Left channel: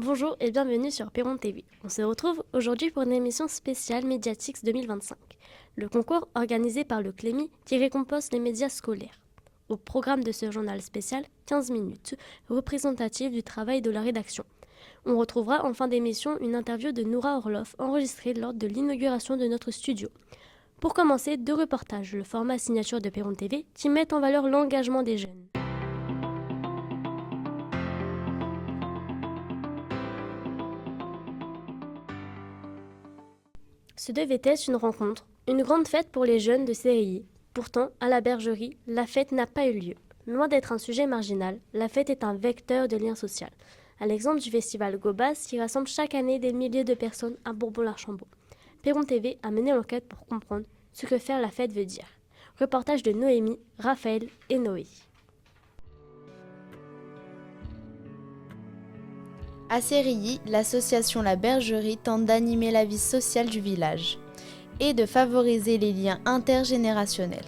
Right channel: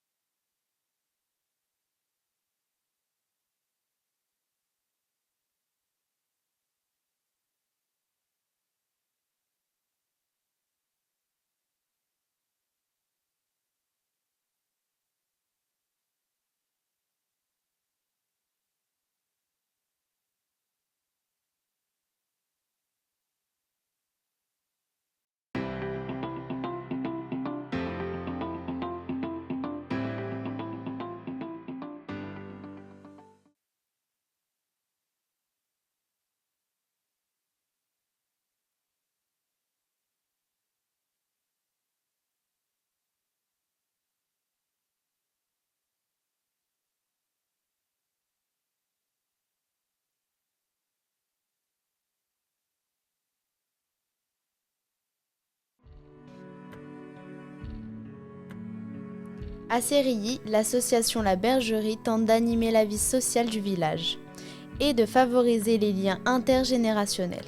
Bonjour et bienvenue sur Perron TV. On se retrouve aujourd'hui pour une émission spéciale Mediatix 2025, le concours organisé par le Clémy qui récompense les médias scolaires. Au programme de ce journal spécial, 15 minutes, représentative du travail de la rédaction. On retrouvera en fin d'émission une interview de Noura Orloff enregistrée lors de l'inauguration de notre studio. Pour commencer, 2 reportages, le format signature de Perron TV, qui mettent en valeur l'engagement des jeunes. Ce devait être une rencontre, une grande fête pour les jeunes de CRI. Pourtant, à la bergerie, la fête n'a pas eu lieu. Loin d'être un sujet marginal, la fête est un vecteur de lien social. À l'exemple du festival Gobas qui rassemble chaque année des milliers de personnes à Bourbon-l'Archambault. Perron TV a mené l'enquête pour comprendre ce que faire la fête veut dire. Reportage de Noémie, Raphaël et Noé. À Sérilly, l'association La Bergerie tente d'animer la vie sociale du village et de favoriser les liens intergénérationnels.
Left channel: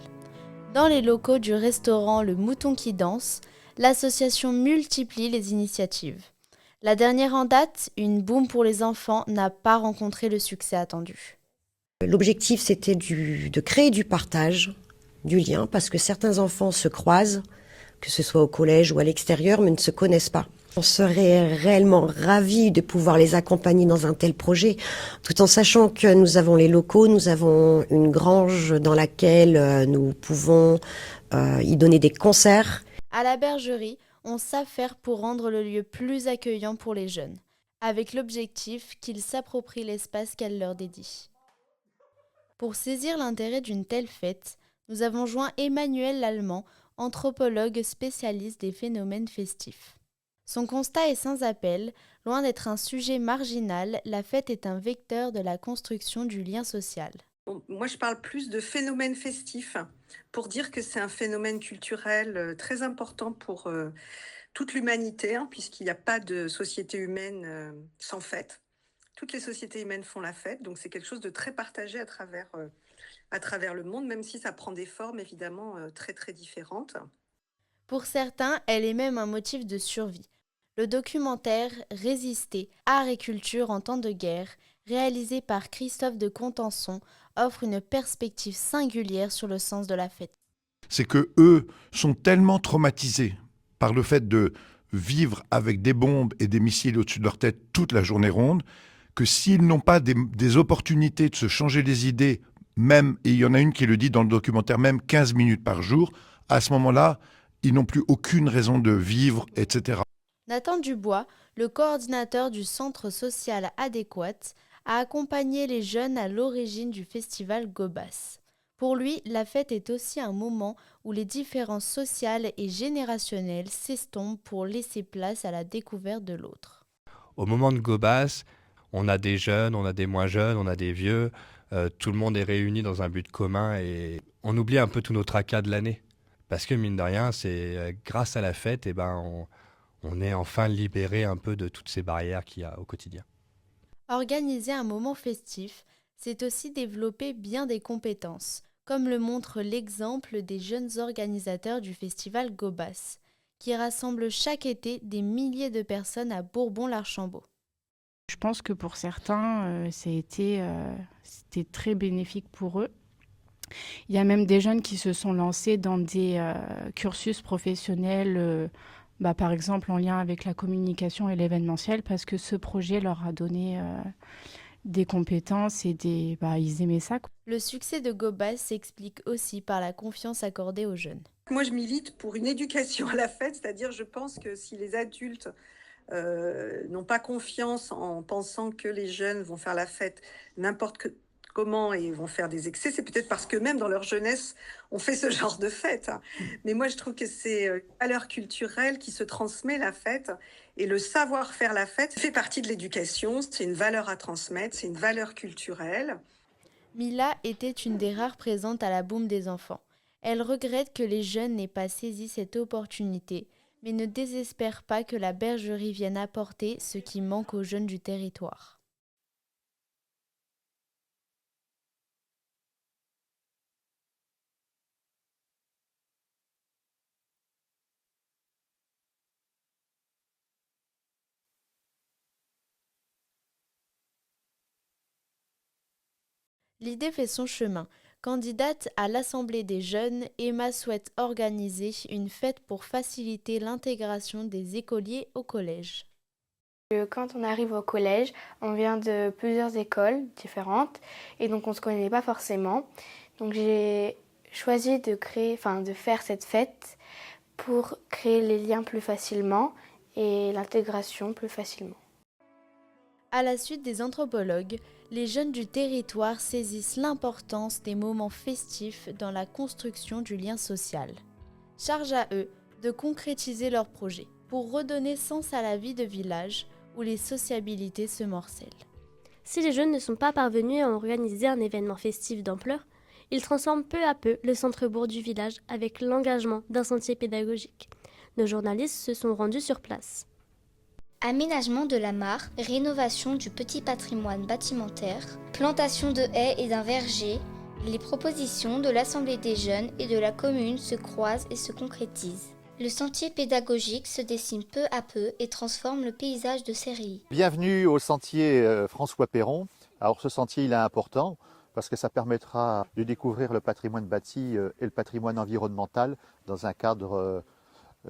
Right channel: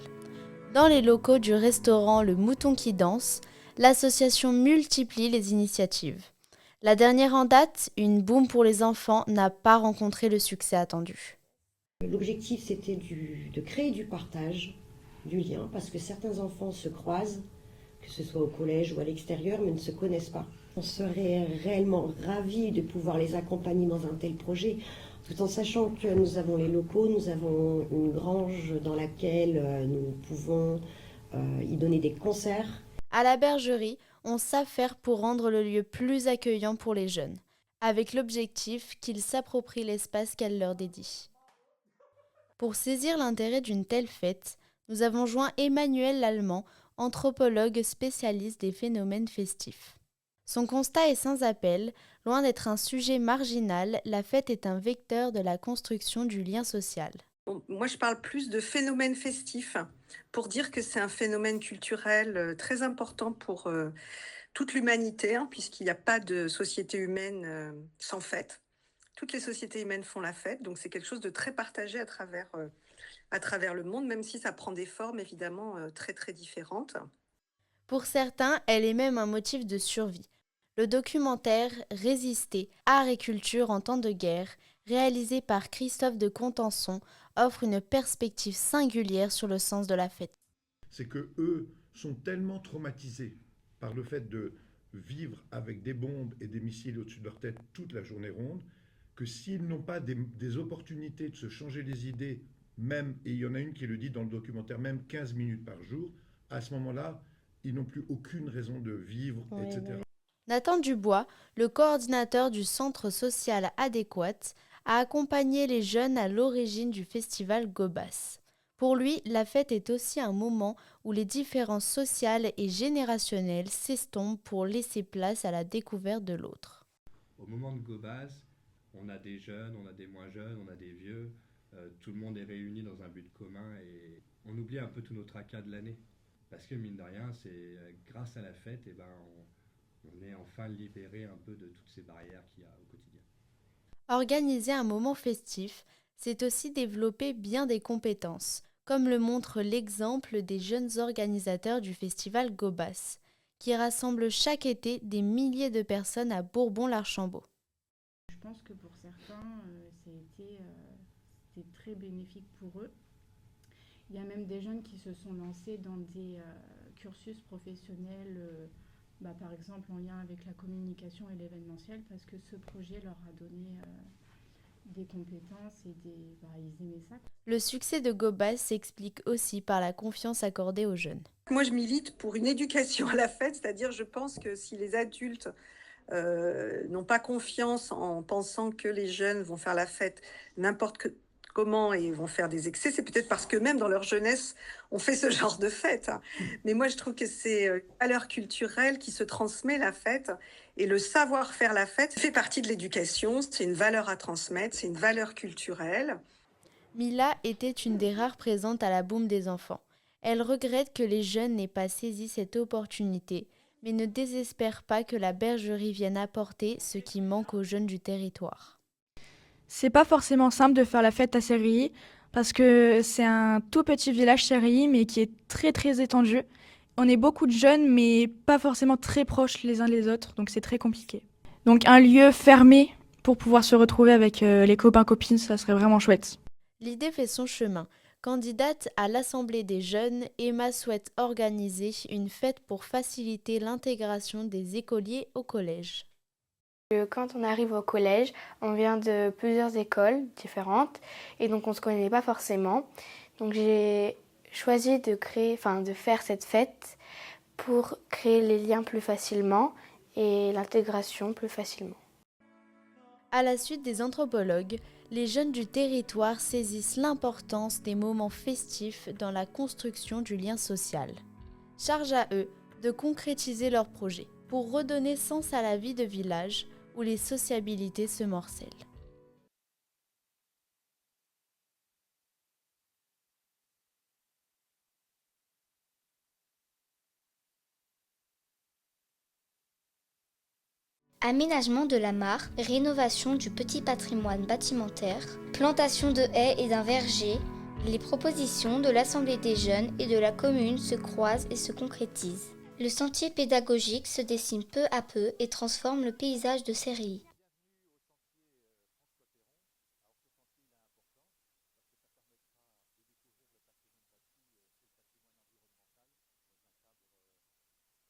Dans les locaux du restaurant Le Mouton qui danse, l'association multiplie les initiatives. La dernière en date, une boum pour les enfants, n'a pas rencontré le succès attendu. L'objectif, c'était de créer du partage, du lien, parce que certains enfants se croisent, que ce soit au collège ou à l'extérieur, mais ne se connaissent pas. On serait réellement ravis de pouvoir les accompagner dans un tel projet, tout en sachant que nous avons les locaux, nous avons une grange dans laquelle nous pouvons y donner des concerts. À la bergerie, on s'affaire pour rendre le lieu plus accueillant pour les jeunes, avec l'objectif qu'ils s'approprient l'espace qu'elle leur dédie. Pour saisir l'intérêt d'une telle fête, nous avons joint Emmanuel Lallemand, anthropologue spécialiste des phénomènes festifs. Son constat est sans appel, loin d'être un sujet marginal, la fête est un vecteur de la construction du lien social. Moi, je parle plus de phénomène festif pour dire que c'est un phénomène culturel très important pour toute l'humanité, puisqu'il n'y a pas de société humaine sans fête. Toutes les sociétés humaines font la fête, donc c'est quelque chose de très partagé à travers le monde, même si ça prend des formes évidemment très très différentes. Pour certains, elle est même un motif de survie. Le documentaire Résister, art et culture en temps de guerre, réalisé par Christophe de Contenson, offre une perspective singulière sur le sens de la fête. C'est que eux sont tellement traumatisés par le fait de vivre avec des bombes et des missiles au-dessus de leur tête toute la journée ronde, que s'ils n'ont pas des opportunités de se changer les idées, même, et il y en a une qui le dit dans le documentaire, même 15 minutes par jour, à ce moment-là, ils n'ont plus aucune raison de vivre, etc. Nathan Dubois, le coordinateur du Centre social adéquat, a accompagné les jeunes à l'origine du festival Gobas. Pour lui, la fête est aussi un moment où les différences sociales et générationnelles s'estompent pour laisser place à la découverte de l'autre. Au moment de Gobas, on a des jeunes, on a des moins jeunes, on a des vieux, tout le monde est réuni dans un but commun et on oublie un peu tous nos tracas de l'année. Parce que mine de rien, c'est grâce à la fête, on est enfin libéré un peu de toutes ces barrières qu'il y a au quotidien. Organiser un moment festif, c'est aussi développer bien des compétences, comme le montre l'exemple des jeunes organisateurs du festival Gobas, qui rassemble chaque été des milliers de personnes à Bourbon-l'Archambault. Je pense que pour certains, c'était très bénéfique pour eux. Il y a même des jeunes qui se sont lancés dans des cursus professionnels, par exemple en lien avec la communication et l'événementiel, parce que ce projet leur a donné des compétences et ils aimaient ça. Le succès de Gobas s'explique aussi par la confiance accordée aux jeunes. Moi, je milite pour une éducation à la fête, c'est-à-dire je pense que si les adultes n'ont pas confiance en pensant que les jeunes vont faire la fête n'importe comment et vont faire des excès, c'est peut-être parce que même dans leur jeunesse, on fait ce genre de fête. Mais moi, je trouve que c'est une valeur culturelle qui se transmet, la fête, et le savoir faire la fête fait partie de l'éducation, c'est une valeur à transmettre, c'est une valeur culturelle. Mila était une des rares présentes à la boum des enfants. Elle regrette que les jeunes n'aient pas saisi cette opportunité, mais ne désespère pas que la bergerie vienne apporter ce qui manque aux jeunes du territoire. C'est pas forcément simple de faire la fête à Sérilly parce que c'est un tout petit village Sérilly mais qui est très très étendu. On est beaucoup de jeunes mais pas forcément très proches les uns des autres, donc c'est très compliqué. Donc un lieu fermé pour pouvoir se retrouver avec les copains-copines, ça serait vraiment chouette. L'idée fait son chemin. Candidate à l'Assemblée des jeunes, Emma souhaite organiser une fête pour faciliter l'intégration des écoliers au collège. Quand on arrive au collège, on vient de plusieurs écoles différentes et donc on ne se connaît pas forcément. Donc j'ai choisi de faire cette fête pour créer les liens plus facilement et l'intégration plus facilement. À la suite des anthropologues, les jeunes du territoire saisissent l'importance des moments festifs dans la construction du lien social. Charge à eux de concrétiser leurs projets pour redonner sens à la vie de village où les sociabilités se morcellent. Si les jeunes ne sont pas parvenus à organiser un événement festif d'ampleur, ils transforment peu à peu le centre-bourg du village avec l'engagement d'un sentier pédagogique. Nos journalistes se sont rendus sur place. Aménagement de la mare, rénovation du petit patrimoine bâtimentaire, plantation de haies et d'un verger, les propositions de l'Assemblée des jeunes et de la commune se croisent et se concrétisent. Le sentier pédagogique se dessine peu à peu et transforme le paysage de Sérilly. Bienvenue au sentier François Perron. Alors ce sentier il est important parce que ça permettra de découvrir le patrimoine bâti et le patrimoine environnemental dans un cadre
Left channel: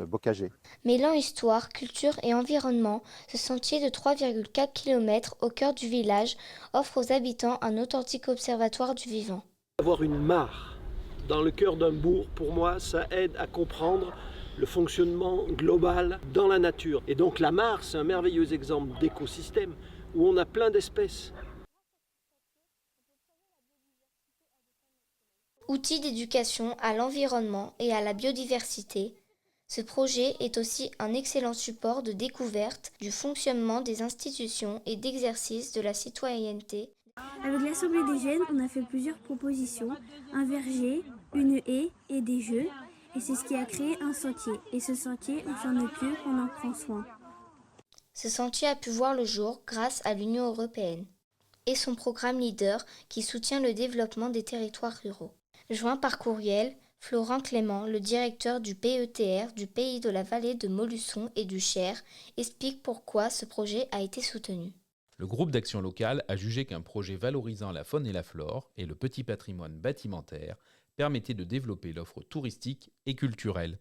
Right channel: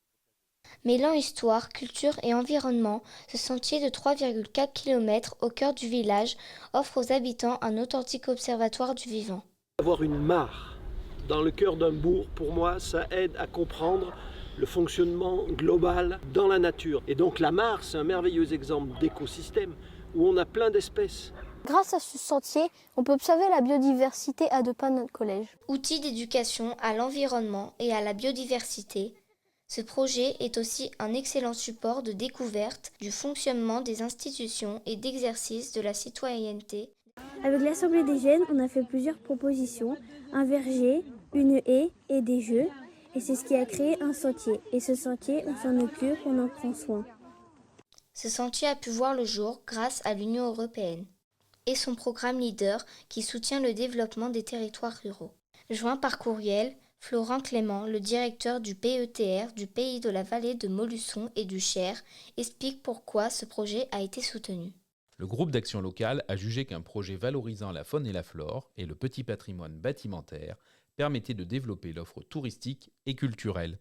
bocagé. Mêlant histoire, culture et environnement, ce sentier de 3,4 km au cœur du village offre aux habitants un authentique observatoire du vivant. Avoir une mare dans le cœur d'un bourg, pour moi, ça aide à comprendre le fonctionnement global dans la nature. Et donc la mare, c'est un merveilleux exemple d'écosystème où on a plein d'espèces. Grâce à ce sentier, on peut observer la biodiversité à 2 pas de notre collège. Outil d'éducation à l'environnement et à la biodiversité, ce projet est aussi un excellent support de découverte du fonctionnement des institutions et d'exercice de la citoyenneté. Avec l'Assemblée des jeunes, on a fait plusieurs propositions, un verger, une haie et des jeux. Et c'est ce qui a créé un sentier. Et ce sentier, on s'en occupe, on en prend soin. Ce sentier a pu voir le jour grâce à l'Union européenne et son programme LEADER qui soutient le développement des territoires ruraux. Joint par courriel, Florent Clément, le directeur du PETR du pays de la vallée de Montluçon et du Cher, explique pourquoi ce projet a été soutenu. Le groupe d'action locale a jugé qu'un projet valorisant la faune et la flore et le petit patrimoine bâtimentaire permettait de développer l'offre touristique et culturelle.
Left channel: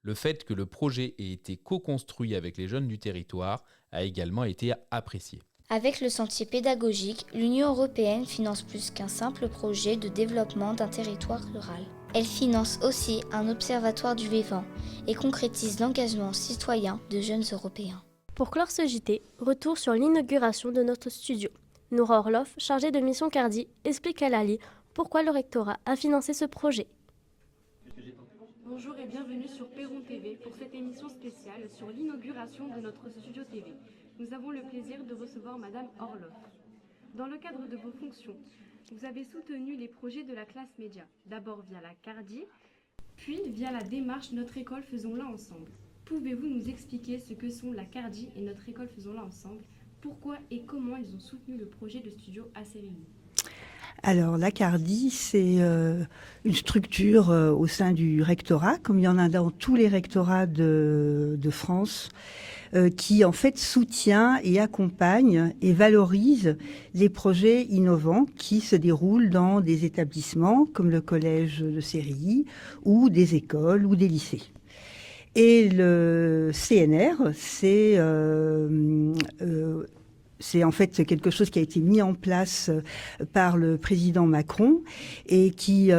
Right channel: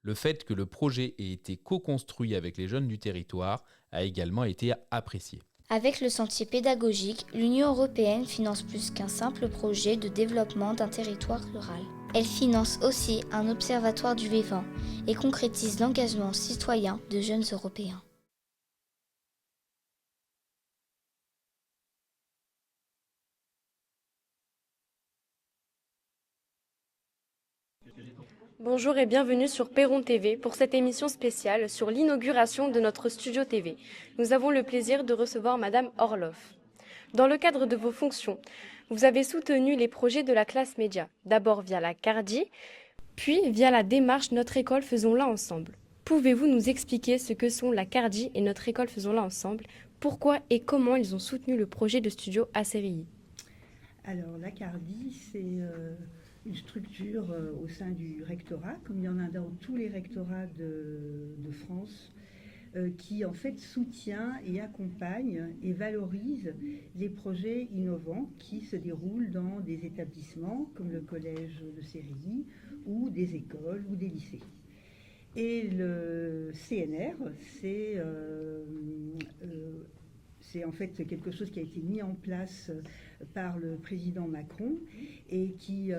Le fait que le projet ait été co-construit avec les jeunes du territoire a également été apprécié. Avec le sentier pédagogique, l'Union européenne finance plus qu'un simple projet de développement d'un territoire rural. Elle finance aussi un observatoire du vivant et concrétise l'engagement citoyen de jeunes Européens. Pour clore ce JT, retour sur l'inauguration de notre studio. Noura Orloff, chargée de mission Cardi, explique à Lali pourquoi le rectorat a financé ce projet. Bonjour et bienvenue sur Perron TV pour cette émission spéciale sur l'inauguration de notre studio TV. Nous avons le plaisir de recevoir Madame Orloff. Dans le cadre de vos fonctions, vous avez soutenu les projets de la classe média, d'abord via la Cardi, puis via la démarche Notre école Faisons-la ensemble. Pouvez-vous nous expliquer ce que sont la Cardi et Notre école Faisons-la ensemble, pourquoi et comment ils ont soutenu le projet de studio à Sérilly? Alors, la Cardi, c'est une structure au sein du rectorat, comme il y en a dans tous les rectorats de France, qui en fait soutient et accompagne et valorise les projets innovants qui se déroulent dans des établissements comme le collège de Sérilly ou des écoles ou des lycées. Et le CNR, c'est en fait quelque chose qui a été mis en place par le président Macron et qui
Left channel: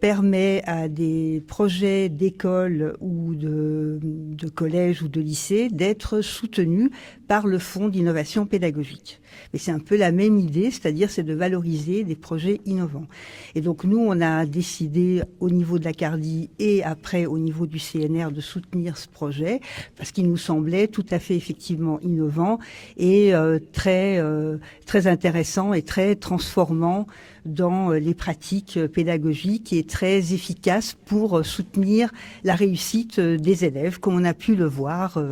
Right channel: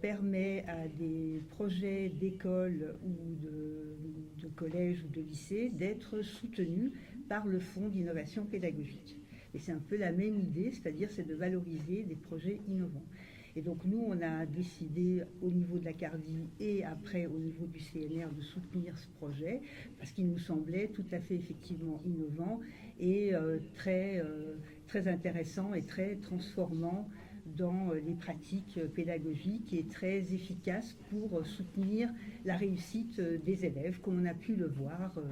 permet à des projets d'école ou de collège ou de lycée d'être soutenus par le Fonds d'innovation pédagogique. Mais c'est un peu la même idée, c'est-à-dire c'est de valoriser des projets innovants. Et donc nous, on a décidé au niveau de la Cardi et après au niveau du CNR de soutenir ce projet parce qu'il nous semblait tout à fait effectivement innovant et très intéressant et très transformant dans les pratiques pédagogiques et très efficace pour soutenir la réussite des élèves, comme on a pu le voir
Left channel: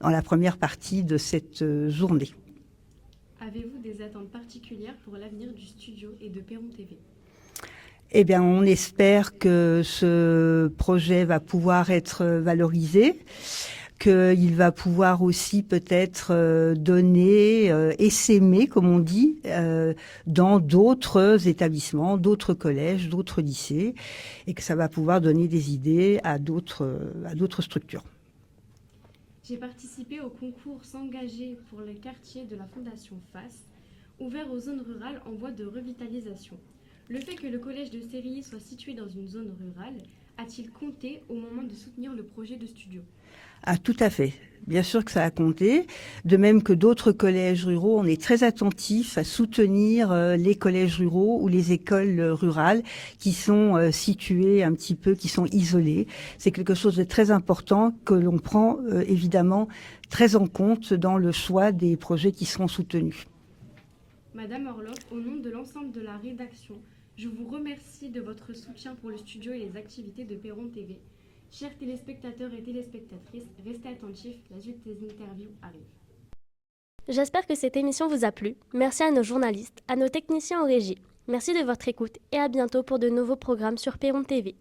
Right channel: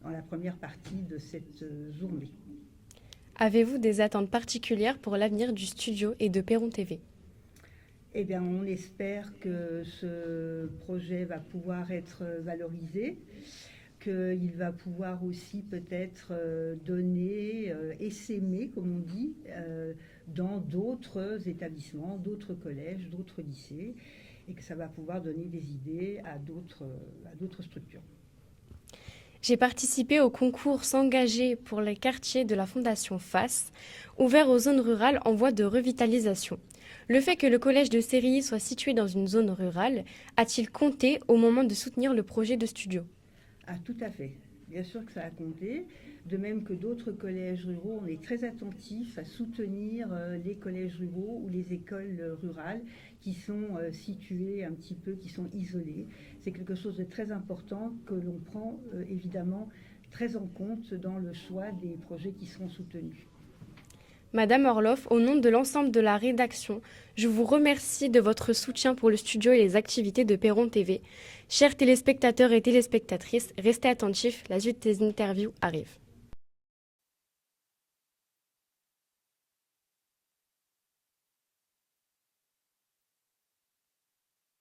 dans la première partie de cette journée. Avez-vous des attentes particulières pour l'avenir du studio et de Perron TV? Eh bien, on espère que ce projet va pouvoir être valorisé, qu'il va pouvoir aussi peut-être donner, essaimer, comme on dit, dans d'autres établissements, d'autres collèges, d'autres lycées, et que ça va pouvoir donner des idées à d'autres structures. J'ai participé au concours S'engager pour les quartiers de la Fondation FAS, ouvert aux zones rurales en voie de revitalisation. Le fait que le collège de Sérilly soit situé dans une zone rurale a-t-il compté au moment de soutenir le projet de studio ? Ah, tout à fait. Bien sûr que ça a compté. De même que d'autres collèges ruraux, on est très attentif à soutenir les collèges ruraux ou les écoles rurales qui sont situées un petit peu, qui sont isolées. C'est quelque chose de très important que l'on prend évidemment très en compte dans le choix des projets qui seront soutenus. Madame Orloff, au nom de l'ensemble de la rédaction, je vous remercie de votre soutien pour le studio et les activités de Perron TV. Chers téléspectateurs et téléspectatrices, restez attentifs, la suite des interviews arrive. J'espère que cette émission vous a plu. Merci à nos journalistes, à nos techniciens en régie. Merci de votre écoute et à bientôt pour de nouveaux programmes sur Perron TV.